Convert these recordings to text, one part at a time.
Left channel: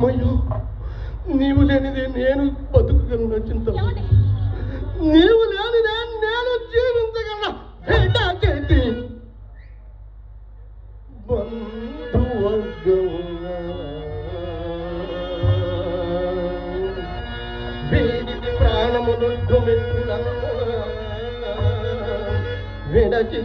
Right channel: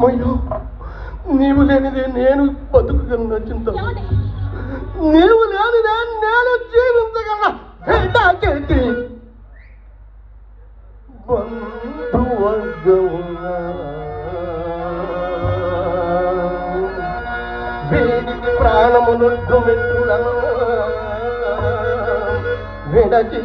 అయ్యో నీవు లేనిదే నేను బతుకుగలను చింత? నీవు లేనిదే నేను జీవించగలను చేతి. బంధువర్గమునా వీరికి ప్రాణమును మిత్రులను విడచి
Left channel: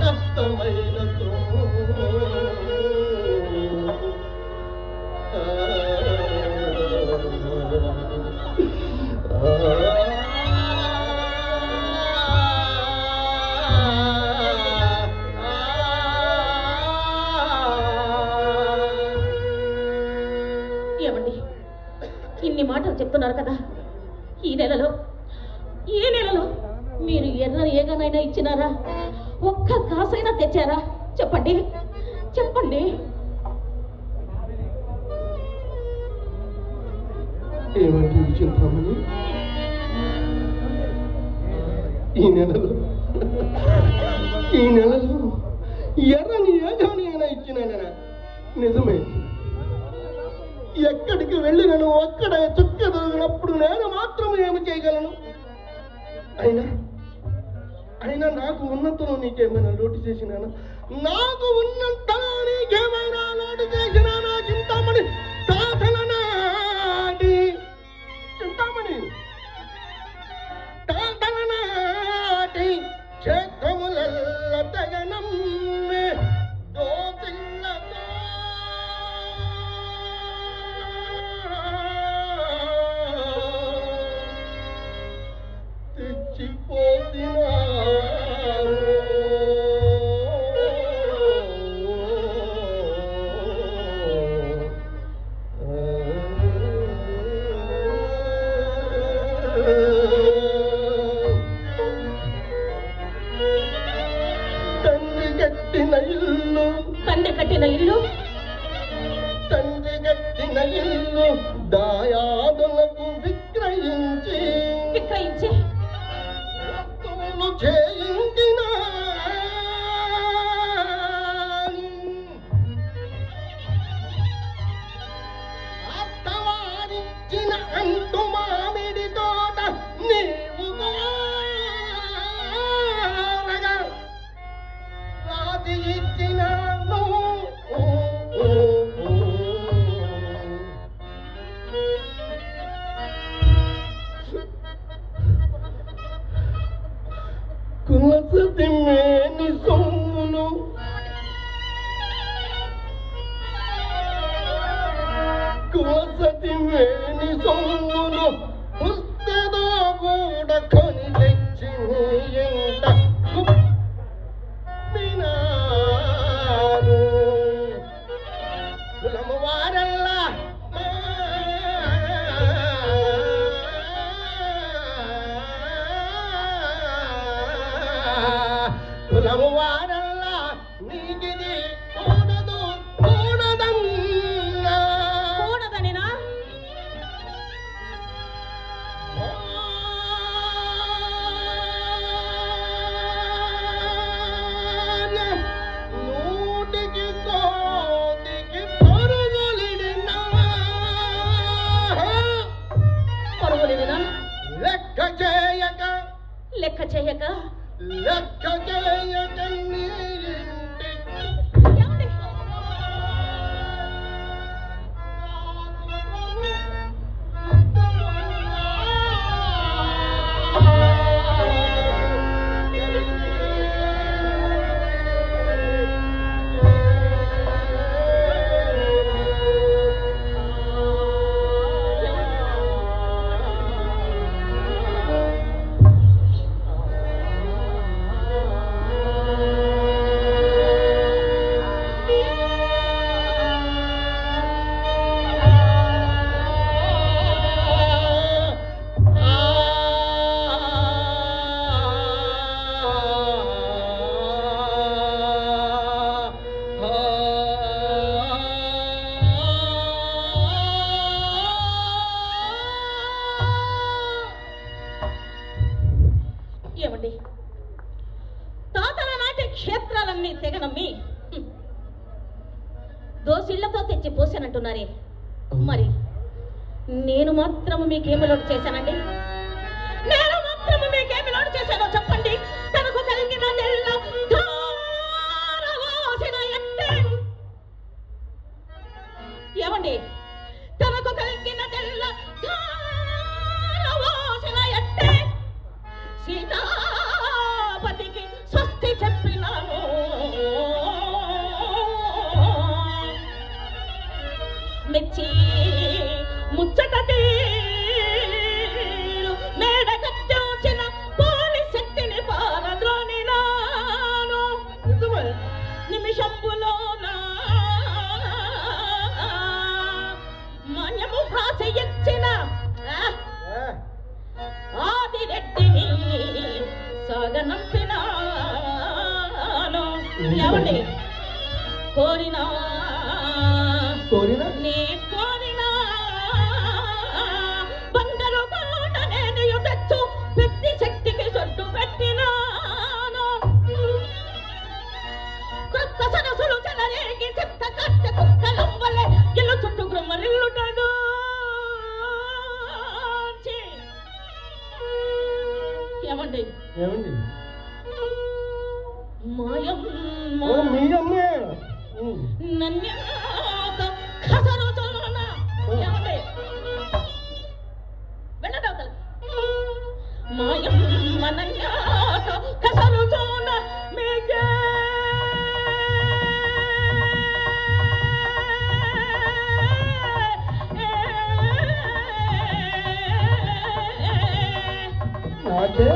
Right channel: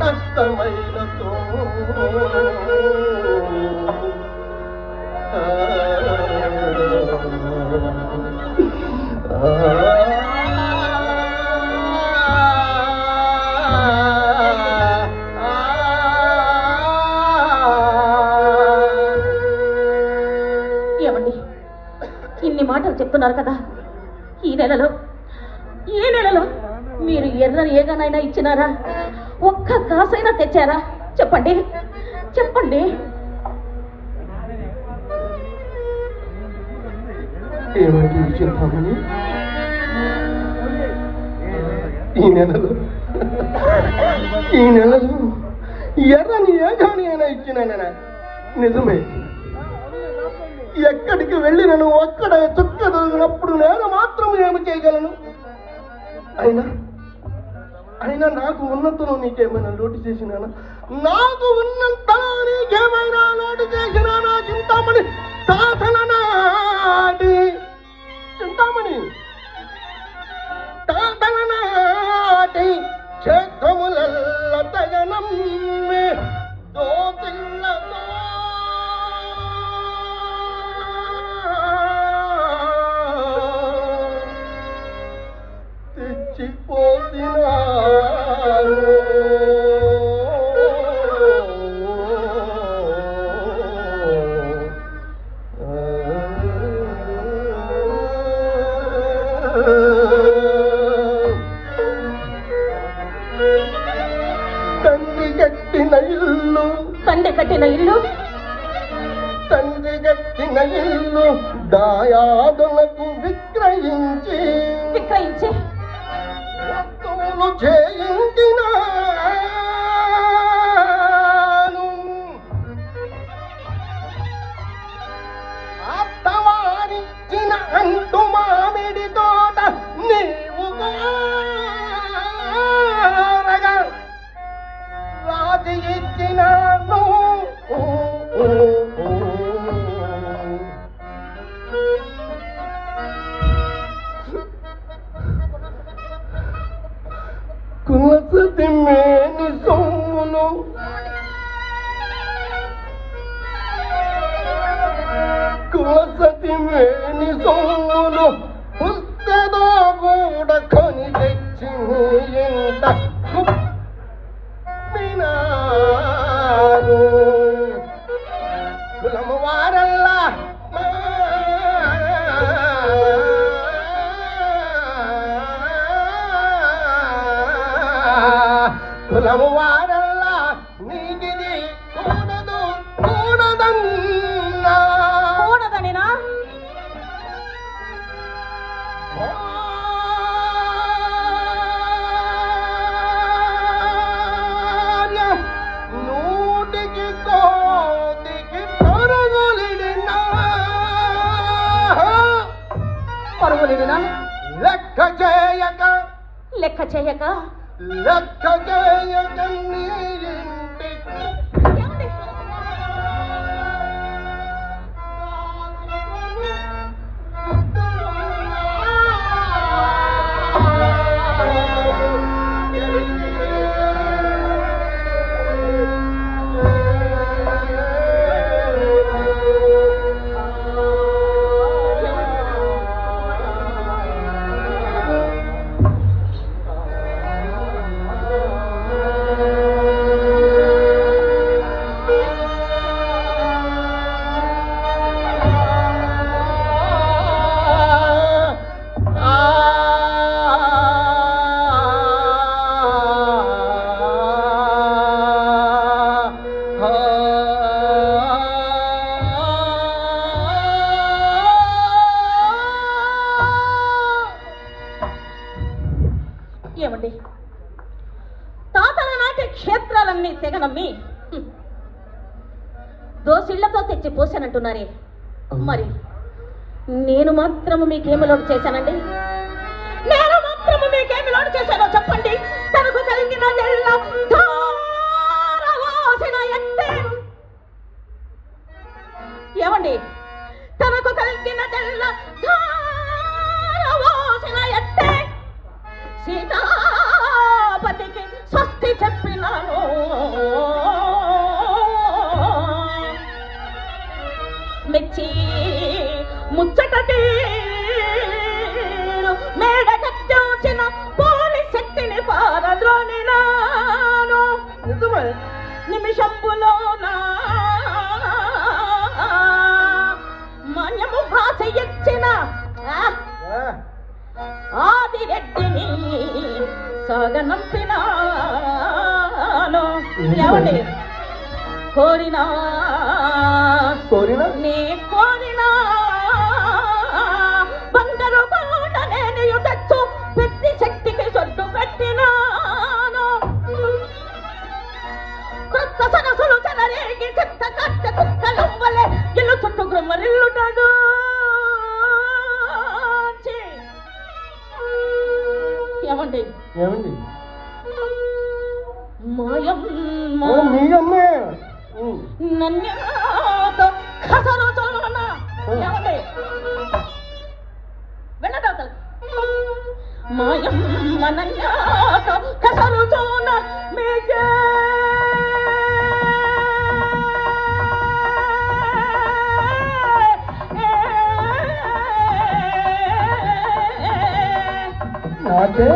నష్టమైనతో ఏమండి? ఇన్ని మాటలు చెప్తున్నారు కదా. ఈ నెలలో ఈ నెలలో మీరు ఎర్రని ఏగానైనా ఇచ్చినారా? ఒక్క కాసైనా తెచ్చారా? చెప్పండి. చెప్పండి. ఈ నెలలో ఈ నెలలో ఎర్రని ఏగాని అయినా ఇచ్చినానన్నా. నిజమే. ఎక్కడికి వెళ్ళినను ఒక్కడ చుక్క దొరికినప్పుడు నేను మాత్రం ఏమి చేయగలను? అయినా అయినా నాకు ఉన్నంతలో నీకేమైనా లోటు చేసినానా? నాకు ఉన్నంతలో నీకేమైనా లోటు చేసినానా చింతామణి? తాతల నాటి చింతామణి? తాతల నాటి క్షేత్రములల్ల తగనం దోతిల్లతో తెచ్చిపోతినారు తండ్రి కట్టిన ఇల్లు. తండ్రి కట్టిన ఇల్లు. తండ్రి కట్టిన ఇల్లు దాయాదులకు విక్రయించి విక్రయించి చేయించిన. పుస్తదో కూడా కొని తెచ్చి ఇంట కుప్పినారు. కులము వారల్లా కులము చేయక లెక్క చేయక హ్మ్, దోసిళ్ళతో తెచ్చి పోసానంటున్నారే మరి నేను మాత్రము మీకేమి లోటు చేశానండి? నేను మాత్రము మీకేమి లోటు చేశానో చెప్పండి. తనకు కలిగిన ఏమండి? సాగనంపినాను ఏమండి కోరినా. కోరిన? నే కోరినా. బంగారు కోట నేను తెచ్చు పెద్ద శక్తికి సొట్టు పెట్టినాను. క్రొత్త సరసులు చెలరేగి చిత్త కట్ట కుక్కలు వలె ఇల్లు చుట్టూ గ్రమ్మరిల్లుటగా మాయం మనన్యాత ఖసరుతోన మీకే. నాకే నాకే